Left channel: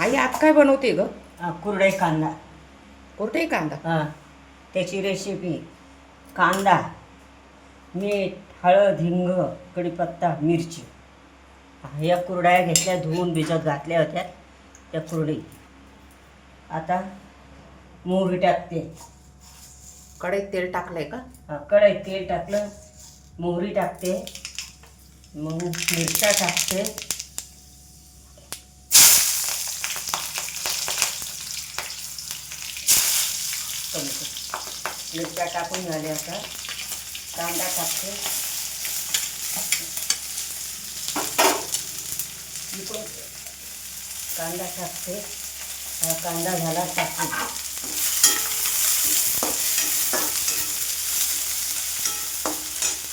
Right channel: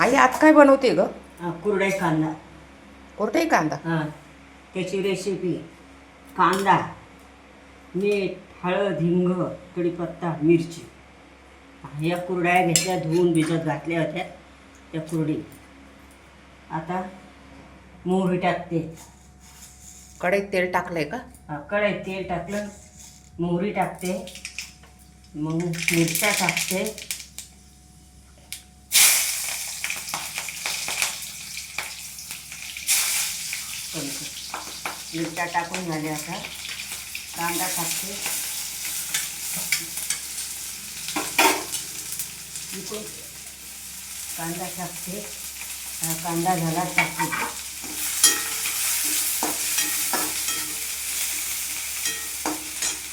आई आज काय बनवते ग? कुरडई कांदा. कोरटाई कांदा. हां, त्याची रेसिपी: कांदा, मीठ, हळद, हिंग, कढीपत्ता, मिरची. या कुरड्या घेतल्या, धुवून भिजत घातल्या होत्या त्या कुरडी. आता मोहरी टाकते. कढईत तेल टाकलंय का? कढईत तेल टाकलं, मोहरी टाकते, मग मिरच्या टाकते, मिरच्या टाकून झाल्या. आता कांदा टाकते, कांदा टाकते. कांदा झाला, टाकते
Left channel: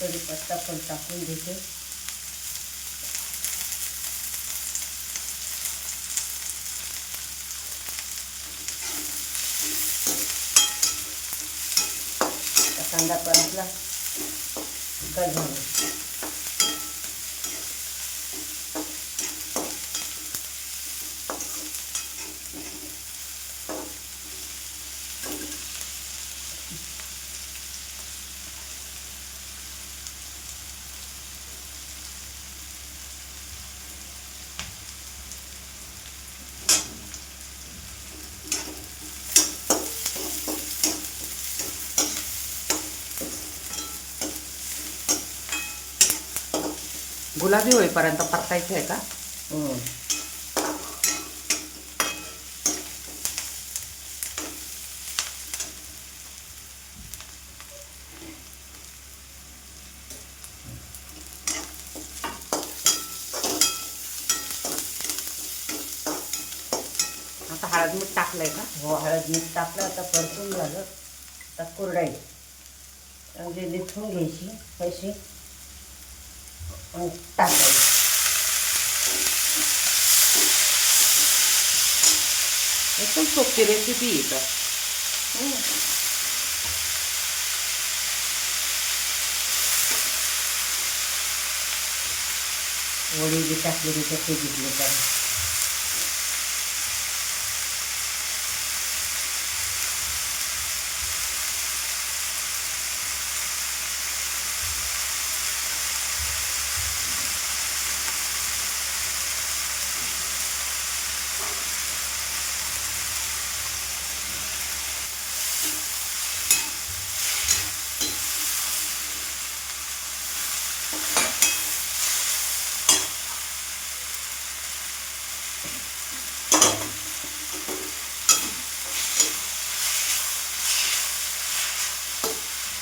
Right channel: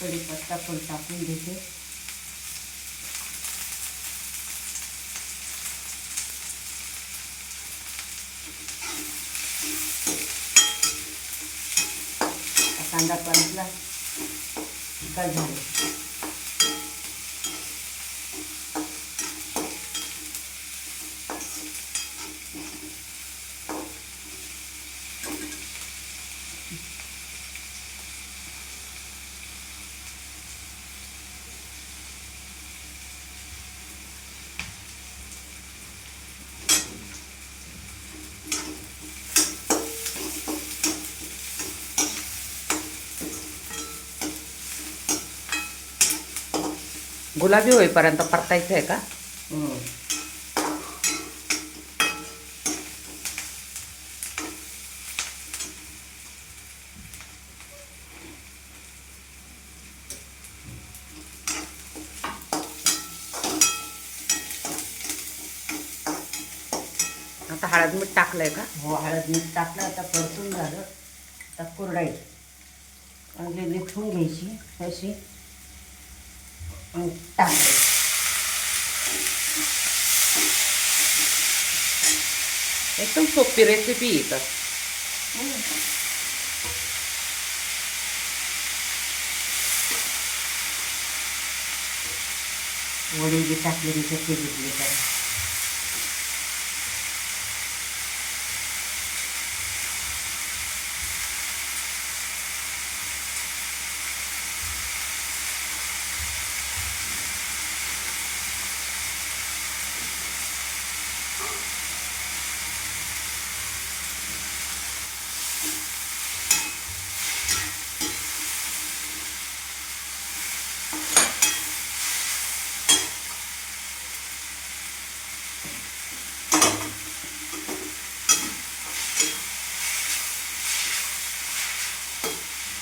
कढीपत्ता पण टाकून देते. कांदा परतला का झालं. गुलाबी होईपर्यंत परतायचं आहे का? आता हळद मीठ टाकलंय का? हो, हळद मीठ टाकलं. आता परतून झालं. आता कुरडई म्हणजे लिथून घ्यायची तशी टाकायची. एकदम सोपी रेसिपी आहे तर. वडी बी टाकली, ते घेतली तर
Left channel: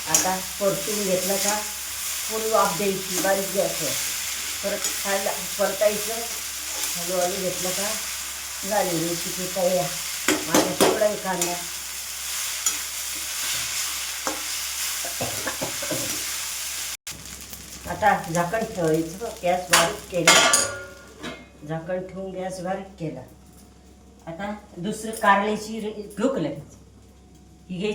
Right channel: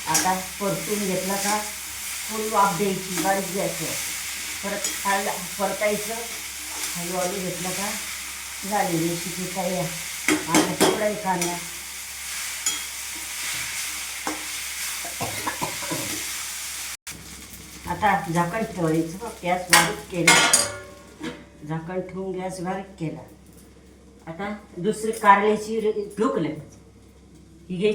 आता परतून घेतलं का थोडी वाफ द्यायची बारीक गॅसवर. परत परतायचं. हळूहळू घेतलं का झाली रेसिपी तयार. माझा कुरडई कांदा. आता झाकण ठेवायचं. गॅस बारीक केला, झाकण ठेवून गॅस बारीक केला. आता दुसरी कारल्याची ढोकले ही घ्यायची.